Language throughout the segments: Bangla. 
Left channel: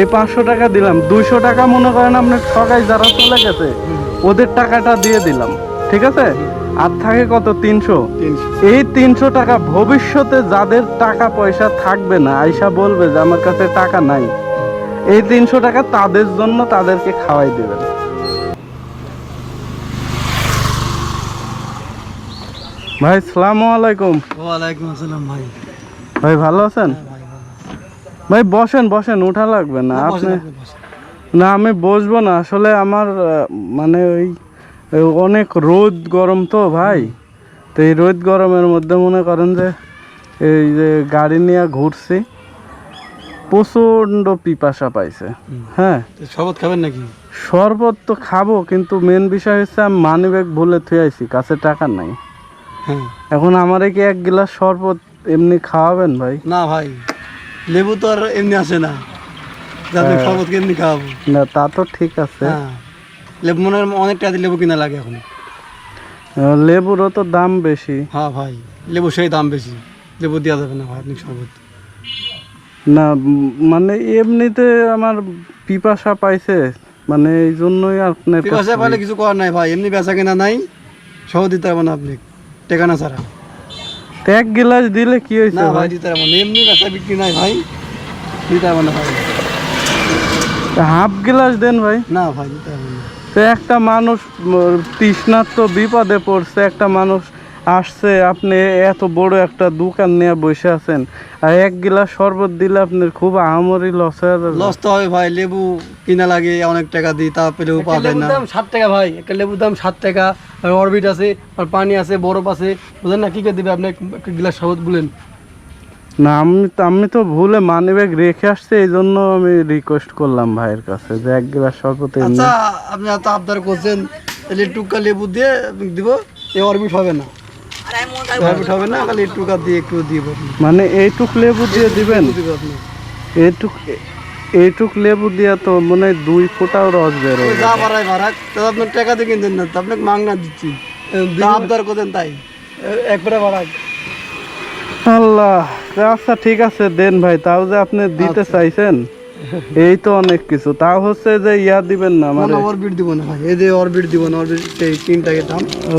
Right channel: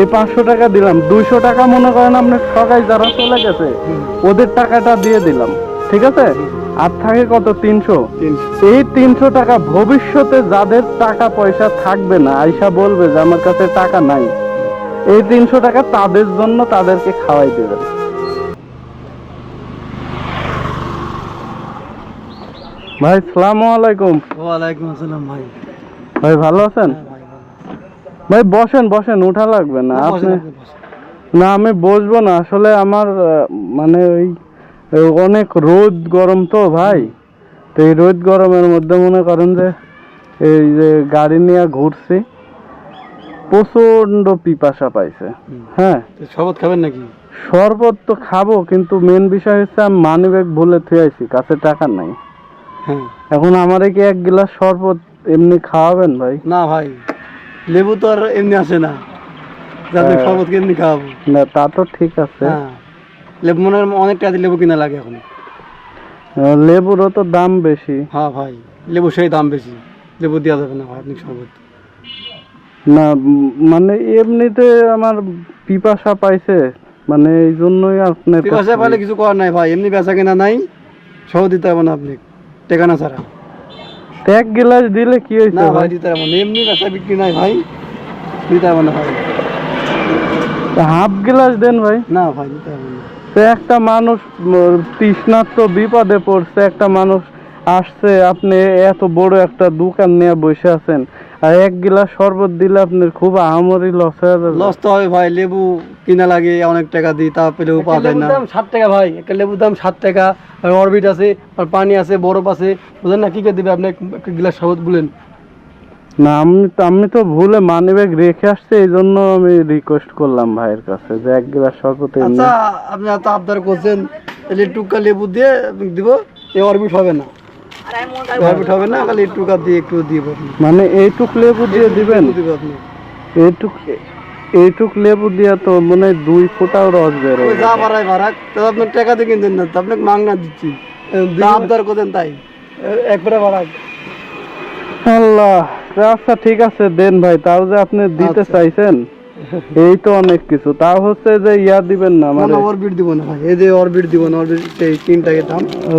এই পাঁচশো টাকা দিলাম। দুইশো টাকা মনে করেন আপনার ঠকাই যারা চলে গেছে ওদের টাকাটা দিয়ে দিলাম। ঠিক আছে? আর থাকে কত? তিনশো। তিনশো। এই তিনশো টাকা ভবিষ্যতে যাদের টাকা পয়সা থাকবে না আইসা বলবে যে আমার কাছে টাকা নাই। এই তিনশো টাকা তাদের জন্য তাদেরকে খাওয়াই দেবেন। ভাই সালাম আলাইকুম। ওয়ালাইকুম আসসালাম ভাই। ভাই ভালো আছেন? ভাই বসেন বসেন উঠা লাগবে না। আপনি না আমি বসবো না। আসলে আমার মানে ওই অনেক রোদ গরম তো ভাই। তো এই রোদ গরমের মধ্যে মনে করেন যে এই যে গাড়ি নিয়ে ঘুরছি প্রচণ্ড পিপাসা পাইছে। হ্যাঁ। শরবত খাবেন নাকি? শরবত তো খাব কিন্তু মেন বিষয় হচ্ছে আমি মানি ব্যাগ ভুলে থুয়ে আইছি কাছে টাকা নাই। হ্যাঁ। এখন আমারে কি এক গ্লাস শরবত এমনি খাওয়াবেন ভাই? না ভাই। লেবু তো আর এমনি আসে না। যাতে হ্যাঁ। শরবত কেমনি খাওয়াবো? না তা তো ঠিক আছে। হ্যাঁ। লেবু মনে হয় অনেক টাকা দিয়ে লেবু কিনা লাগে এখন। লেবুরও তো দাম বেশি। হ্যাঁ ভাই লেবু সেই দাম বেশি। লেবু দেওয়া যাবে না ভাই আপনি শরবত। না মানে এমনিতে আমার পিপাসা পাইছে মানে এই জন্যই আপনার পিপাসা পাইলে কিছু করার নাই ভাই এমনি বেচা কেনা নাই শরবত দিতে পারব না আপনি টেকানা ছাড়া। এক গ্লাস দিলে কি হয়েছে না ভাই? দিতে পারব এমনি বেচা বিক্রি নাই ভাই। দিতে পারব না। ভাই হাফ গ্লাস দেন ভাই। না ভাই দিতে পারব না। একটা মানুষ তৃষ্ণার তো বিপদে পড়ছে একটা মানুষ আসছে আপনি এত বড় একটা দোকান নিয়ে বসে আছেন। আর এক গ্লাস শরবত দিলে আপনার খুব আহামরি লস হয়ে লস তো হবে ভাই লেবু কিনা লাগে অনেক টাকা দিই তা পেলেও পাওয়া যায় না। দাম ষাট টাকা ভাই একটা লেবুর দাম ষাট টাকা আর অরবিট আছে আর পানি আছে বরফ আছে বুঝলেন না? কি করে দিবে আপনি? এক- একটা গ্লাস শরবত বলেন। না আমি তো আমি তো ভুলে মানি ব্যাগ রেখে আসছি এই জন্য আমি রিকোয়েস্ট করলাম ভাইয়ের কাছে যে এক গ্লাস শরবত আচ্ছা আপনি এত আবদার করছেন তাহলে টুকা লেবু দিয়ে দিব এই অরবিট হবে না। অরবিট হবে না খালি টুকা দিয়ে একটু দিব আপনি মানে এইটুক লেবু দিয়ে দিবেন? এইটুক এইটুক লেবু দিয়া তো মনে হয় দুই ফোঁটাও রস বের ওই যা বাড়ায় বাড়াক তো আপনার টাকা দিয়ে কিনতেন না তো আপনাকে মাংনা দিচ্ছি। আবদার তাই। একবারে বাড়াক। আল্লাহ আচ্ছা ঠিক আছে দেন ভাই তাও যে আপনি দিতে আচ্ছা। চাইছেন। এই তো অনেক কিছু। তাও হচ্ছে যে ইয়া দিবেন না মানে অরবিট দিব না ভাই। এই যে অরবিট দিব না অরবিট এই তিন টাকা দাম। ও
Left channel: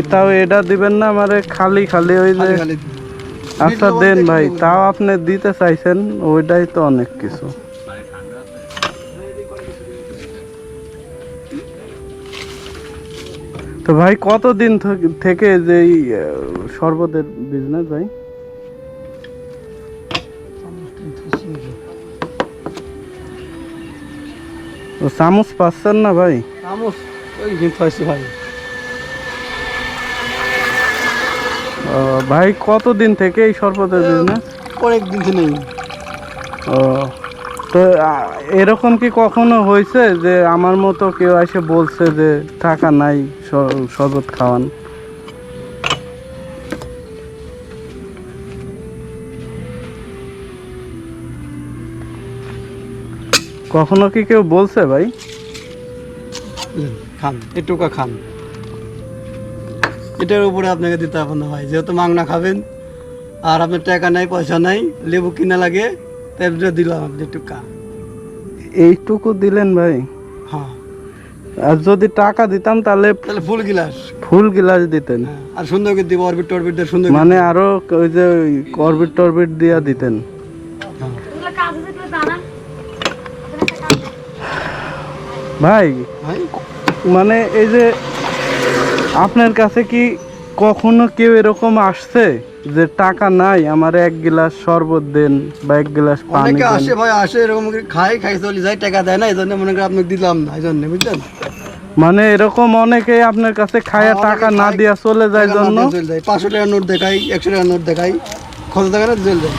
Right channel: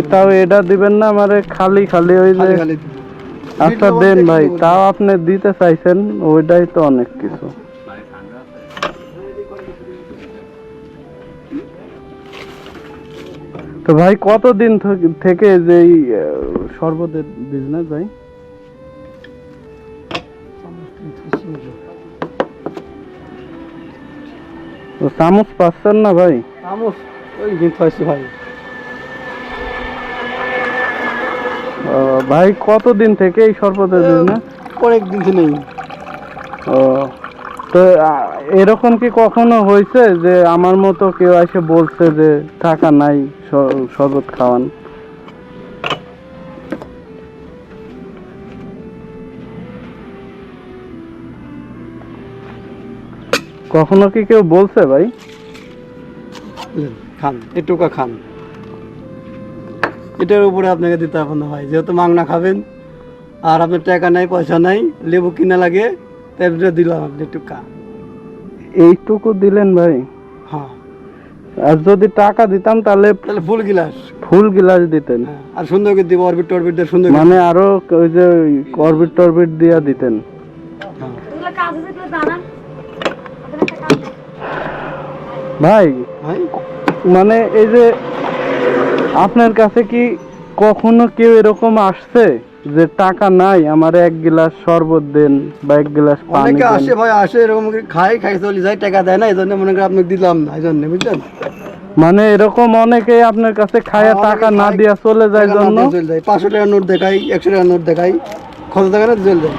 এটাও এটা দিবেন না মানে খালি খালি ওই যে আচ্ছা দেন ভাই তাও আপনি দিতে চাইছেন ওইটাই তো অনেক কিছু। তো ভাই কতদিন থেকে যে শরবতের বিজনেস ভাই? ও চামচ পাচ্ছেন না ভাই? চামচ ওই কিন্তু হয়েছে ভাই। ভাই কতদিন থেকে এই শরবতের না অনেক দিন নেই। ও তো এরকম কি কখনো হয়েছে যে আমার মতো কেউ এসে বলছে যে টাকা নাই শরবত খাওয়ান কখনো কি কেউ বলছে ভাই? খান এটুকা খান। এটার উপরে আপনাকে দিতে হবে না ভাই। যেহেতু মাংনা খাবেন আর আপনার টাকা নাই পয়সা নাই লেবু কিনা লাগে তাই দিলাম আপনি টুকা এইটুকু দিলেন ভাই? হ্যাঁ। আর যদি টাকা দিতাম তাহলে তাহলে ফুল গিলাস। ফুল গিলাস দিতেন। হ্যাঁ আর সুন্দর করে দিব অরবিট টরবিট দিয়ে সুন্দর মানে আরও ওই যে করবিট টরবিট দিয়া দিতেন। হ্যাঁ। ভাই মানে এই যে আপনার কাছে কি কখনো কেউ এরকম আসছে যে টাকা নাই আমার এক গ্লাস শরবত দেন বা এক গ্লাস পানি অনেকে আসে ভাই আসে এরকম খাই খাই চলে যায় টাকা দেয় না এই জন্য মনে করি আপনাকে দিলাম না এই জন্য বুঝলেন? মানে এরকম অনেকেই আপনার কাছে খায়া টাকা না দিয়া চলে যায় জন্য? চলে যায়। পাঁচশো টাকার নোট দেখাই একশো টাকার নোট দেখাই খরচ টাকা না চলে যায়?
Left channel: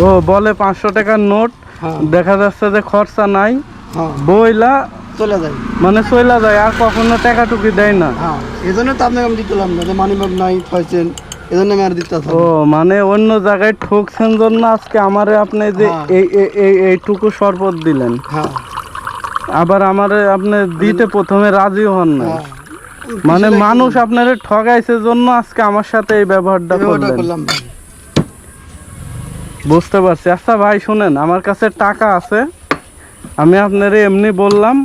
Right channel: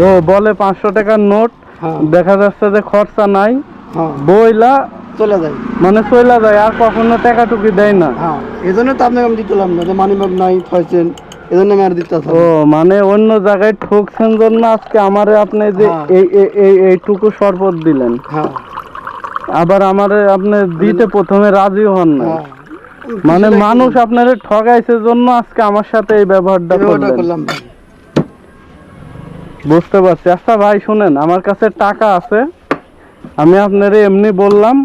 ও বলে পাঁচশো টাকার নোট হ্যাঁ। দেখা যাচ্ছে যে খরচা নাই। হ্যাঁ। বইলা চলে যায়। মানে চলে যায় আর কখনো টাকা টুকি দেয় না। হ্যাঁ এই জন্য তো আপনাকে আমি দিতেলাম না যে মানি ব্যাগ নাই পাইছেন এই জন্য আমি আর দিতে ও মানে অন্য জায়গায় ঠকছেন জন্য আজকে আমারে আপনি যে হ্যাঁ। এই এই- এই এইটুকু শরবত দিলেন। হ্যাঁ। আবার আমারে আপনি দিতে প্রথমে রাজি হন না। হ্যাঁ। মানে মানুষ আপনারে ঠগাইছে জন্য আজকে আমার সাথে এই ব্যবহারটা করলাম বুঝতে পারছি। আচ্ছা ভাই শুনেন আমার কাছে টাকা আছে। আমি আপনারে এমনি বললাম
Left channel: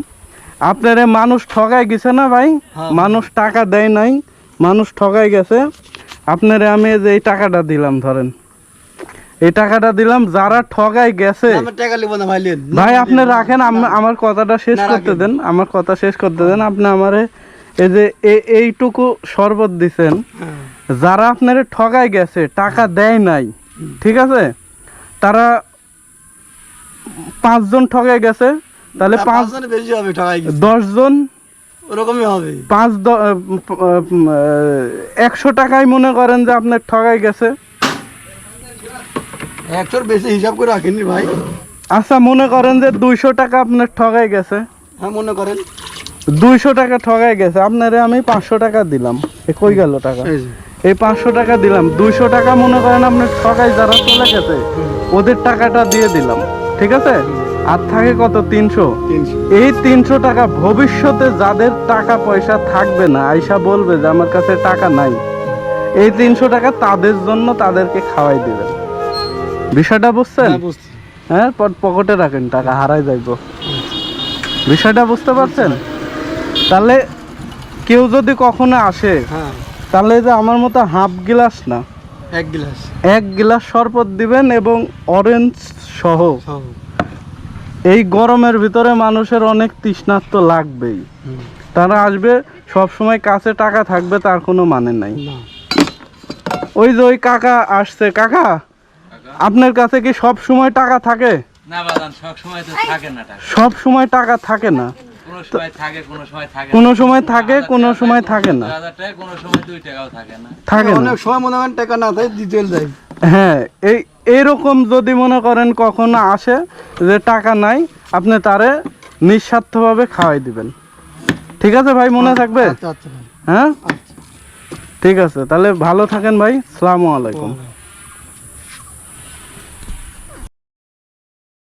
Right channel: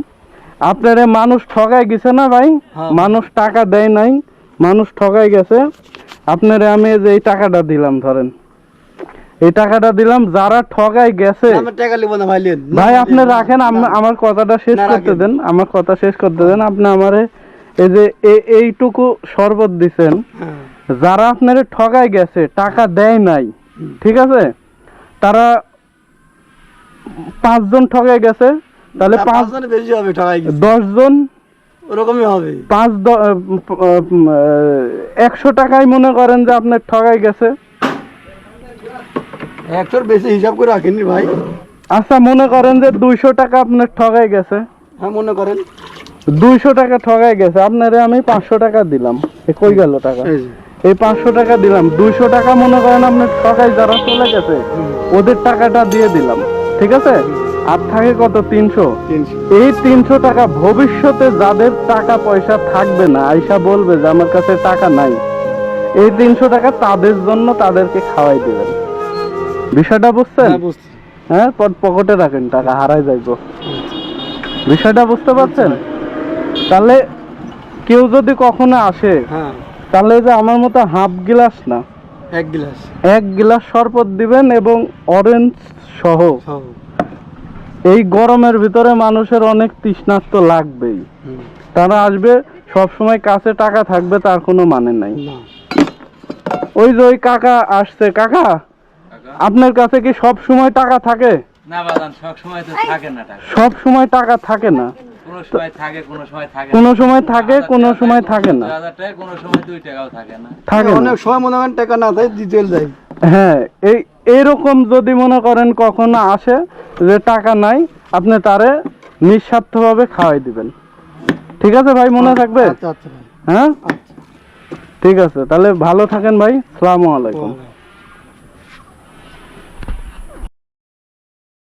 আপনারে মানুষ ঠগাই গেছে না ভাই? হ্যাঁ। মানুষ টাকা দেয় নাই মানুষ ঠগাই গেছে। আপনারে আমি যে এই টাকাটা দিলাম ধরেন। এই টাকাটা দিলাম যারা ঠগাই গেছে। ভাই আপনি রাখেন আমার কথাটা শেষ করতে দেন আমার কথা শেষ করতে দেন। আপনি আমারে এই যে এইটুকু শরবত দিছেন। হ্যাঁ। যারা আপনারে ঠগাই গেছে টাকা দেয় নাই ঠিক আছে? তারা পাঁচজন ঠগাই গেছে তাহলে পাঁচ পাঁচজনের বেশি হবে ঠকাই দশ জন ওরকমই হবে। পাঁচ একশো টাকায় মনে করেন যে আপনার ঠগাই গেছে। একশোর বেশি হিসাব করে রাখেননি ভাই। আচ্ছা মনে করেন যে দুইশো টাকা আপনার ঠগাই গেছে। হ্যাঁ মনে করেন। দুইশো টাকা ঠগাই গেছে। আপনারে আমি পাঁচশো টাকা দিলাম। এ কই গেল টাকা? এই পাঁচশো টাকা দিলাম। দুইশো টাকা মনে করেন আপনার ঠগাই যারা চলে গেছে ওদের টাকাটা দিয়ে দিলাম। ঠিক আছে? আর থাকে কত? তিনশো? এই তিনশো টাকা ভবিষ্যতে যাদের টাকা পয়সা থাকবে না আইসা বলবে যে আমার কাছে টাকা নাই। এই তিনশো টাকা তাদের জন্য তাদেরকে খাওয়াই দেবেন। বিষয়টা বুঝছেন? হ্যাঁ হ্যাঁ পকেটে রাখেন টাকা হারাই যাইব। বিষয়টা বুঝতে পারছেন? তাহলে কেউ যদি কখনো আসে হ্যাঁ। তাহলে যে আমার মতো হাফ গ্লাস না? এক গ্লাস। এক গ্লাস শরবত দিবেন এবং অরেঞ্জ সহ। এই গরমের ভিতরে মানুষের অনেক তৃষ্ণার্ত লাগবেই। তারা আসবে সব সময় কাছে টাকা থাকবে তার কোনো মানে নাই। ওই যে ওই কাকা আসছে কাকা আপনার কাছে কি সব সময় টাকা থাকে? না বাদান সব সময় তো থাকে না টাকা। সব সময় টাকা থাকে না। কোনো সময় থাকে কোনো সময় থাকে কোনো সময় থাকে কোনো সময় থাকে না। দুই হাজার টাকা কোনো সময় দুই টাকাও থাকে না। থাকে অনেক সময় মনে করেন টাকা না থাকে দিতে যায়। হ্যাঁ এই এরকম যদি মনে করেন কখনো আসে যে টাকা নাই আপনি তারে নিঃস্বার্থভাবে খাওয়াই দিবেন। ঠিক আছে ভাই মনে থাকবে? আচ্ছা আচ্ছা হ্যাঁ? ঠিক আছে তাহলে ভালো থাকেন ভাই সালামু আলাইকুম।